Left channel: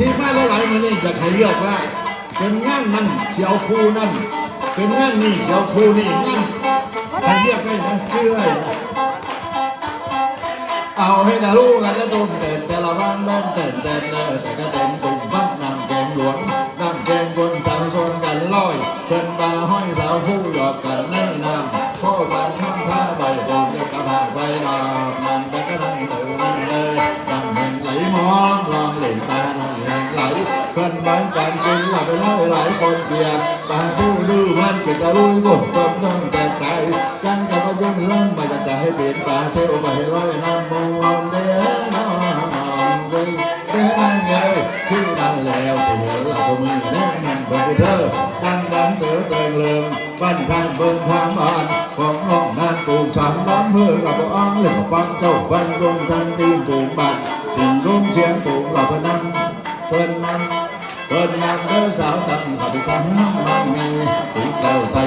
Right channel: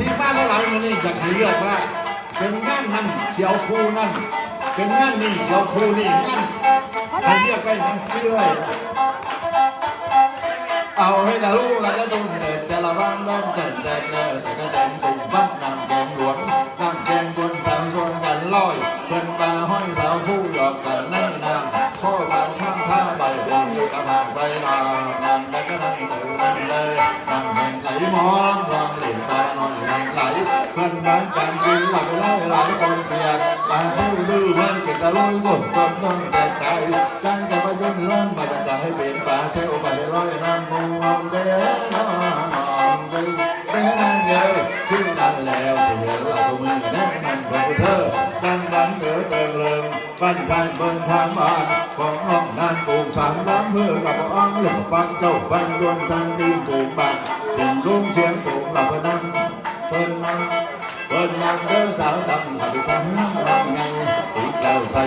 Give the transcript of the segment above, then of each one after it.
ที่มาหลายๆมันนี่จะใครเลือกว่า เป็นงานนั่นเสียวครูนั่น เป็นงานนี่เสียวครูนี่งานใครเลือกได้นะชื่อยเอาให้นะลูกแล้วก็ต้นเดิน ดูบุญจนต้องแก่ใจจังจะมายุ่งเรื่องไปจะให้เป็นตาเชี่ยวไปลอยน้ำมูลเด้อนอนเด้อเด้อนั่งเงยขึ้นดังแล้วเถือหลับมือนั่งนั่งเบอร์เธอดังดังเดือเติงเลิงบ้านทางเบิ่งทางบ้านของน้องนานตูงฉันน้ำเพื่อหลับอ้างเหลือฟังเจ้าฟังดวงทาง นักเรื่อสาวตั้งขับฉันมันมีสีแก้วใจ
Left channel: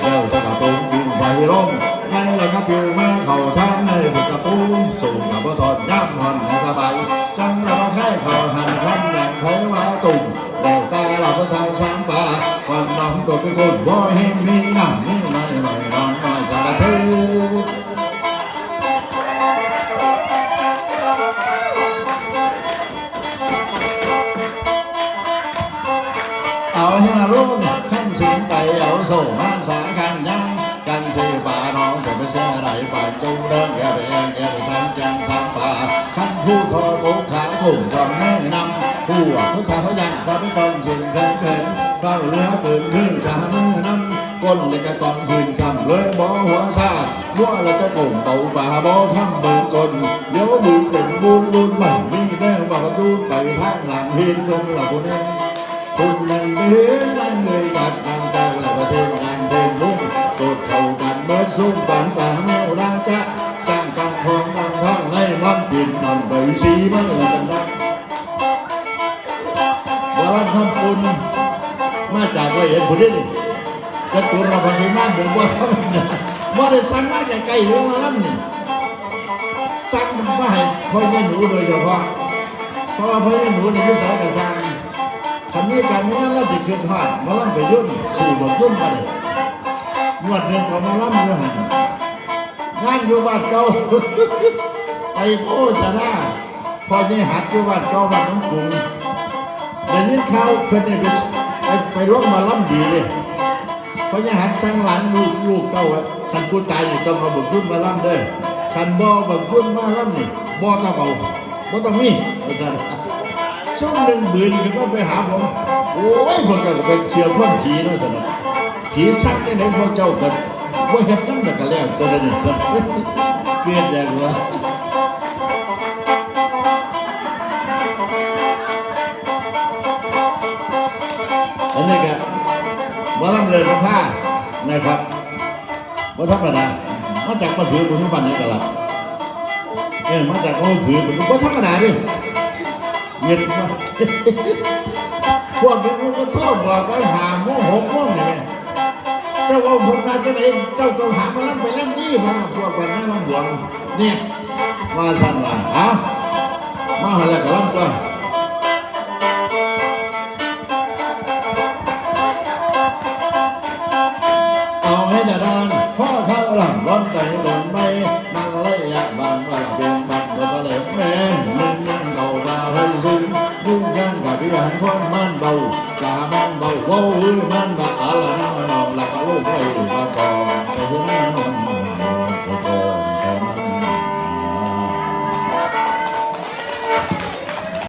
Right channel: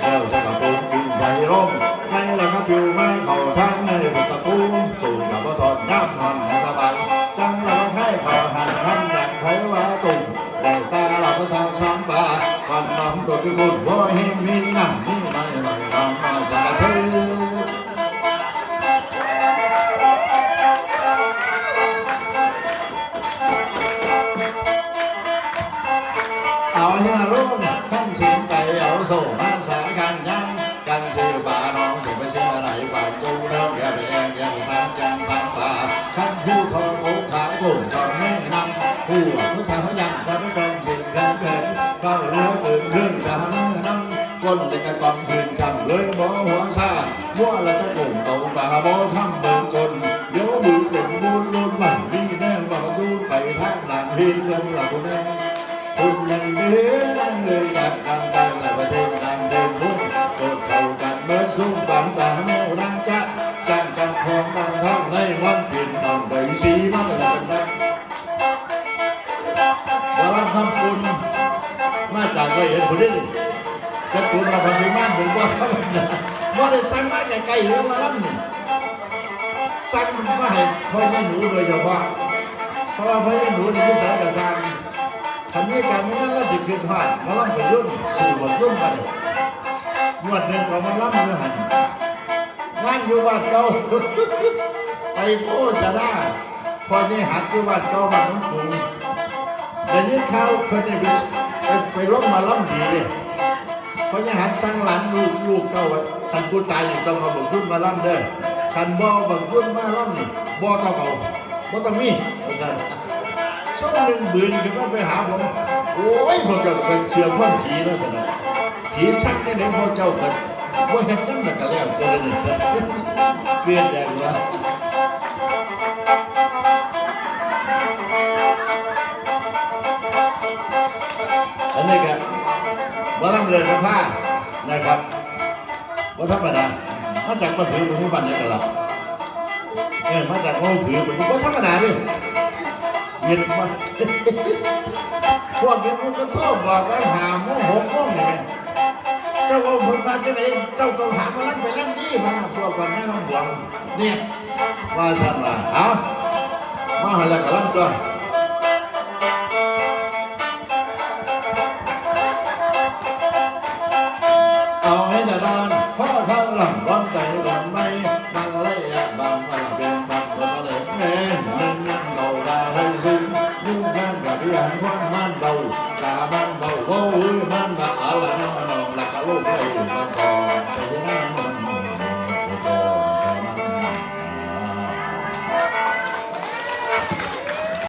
แก้วจะกระโปรงบินใส่ร่มในหลังผิวมาเข่าทางในประตูสูงกับว่าทอดย่ำนอนในสบายจังเรามาให้ข่าวหันพันอย่างเทวาตุ่มแต่ตาเราก็ชาวช้างป่าความน้ำตัวเป็นคนว่าหินมีน้ำมี เอาเฮียรุ่งขั้นสิงไก่เอาโซ่มาสายกันยังกันเสียบาน้องจะไปเสียอะไรบากูเดินแกไปแองแกไปทำจังสังป่าขั้นผู้ทองอกขาผมจำไม่นำผู้ผู้ชายเขายันเขาไม่ต้องสิ่งเกินเกินเฝ้าเรือเกินขึ้นชาเมื่อนั้นก้นเลยกระกองคืนจำเลยบ่หัวซาบัวแล้วก็โก่งเต่าป่าบ่ทำเบิ่งกลเดี๋ยวบุญเป็นบุญบุญหวังนี่แน่ว่าดูไปทางหลังเห็นลงหลับคนนี้คุณยังเลี้ ยงนั่งเงยจับกำดังและประเทศงานเดินลุ่งกดเท่ากันเมื่อสุ่มบางตาเมื่อร่างจะจังกังคงดังท่องในวันปิ่นนอนโดยสีมันกันนะว่าเราทำคุณมาจากไว้เห็นคนนี้กระตุนมาพันธุ์ม่านเป็นว่าว่าได้สั่งมาแต่ไกลหรือว่าล่ำนี่สั่งมาให้พ่อแม่หนูโดยเฉพาะพราะว่าพ่อแม่หนูในี่สอนกระซังคันนี้การนี้ ขึ้นผ่านมาล่ำไปรุ่นสู่บทรุ่นไปงวดหนึ่งก็มาล่ำมือหันงานอยู่บ้านเก่าไปโฆษณาพอนี่หัดอยู่บ้านเก่าบ้านน้องกรุงแต่ยินข่าวเพื่อนไปไปไปร่วมมาล่ำดีเลยพราะยังหัดสร้างหลานลูกลูกเก่าอะคันผู้ตายอยู่ต้องเอาบักรุ่นมาล่ำเด้อคันบ่บักรุ่นมาล่ำนี่บ่ต้องเอาบ่ต้องมีอาจารย์ ช่วงหนึ่งบืนก็ไปหาผมโอ้ยพวกเจ้าก็เป็นเชื่อคนผีเนาะสินะผีสักที่ไหนพวกเจ้ากันว่าเห็นนั่นแต่ก็แล้วตัวเดียวนี่สิเปลี่ยนแดงวะอันนี้ก็มาลำเรินผ้านะครับว่าธรรมดามาจากมาถือบุญบันนี่ก็ละเออมาจากมาถือเป็นว่าธรรมดาดิ เงินมาพวกนี้มันก็ชอบบอกแล้วหาโม่หกโม่เนี่ยเจ้าว่าผมมาจะไหนเจ้าต้องหามาลั่นไปลั่นนี่มันพวกวันนั้นมันหวงเนี่ยมาสั่งละอะมาหันละกับลั่นก็เอาให้ดาดานพ่อข้างหลังร้อนใจ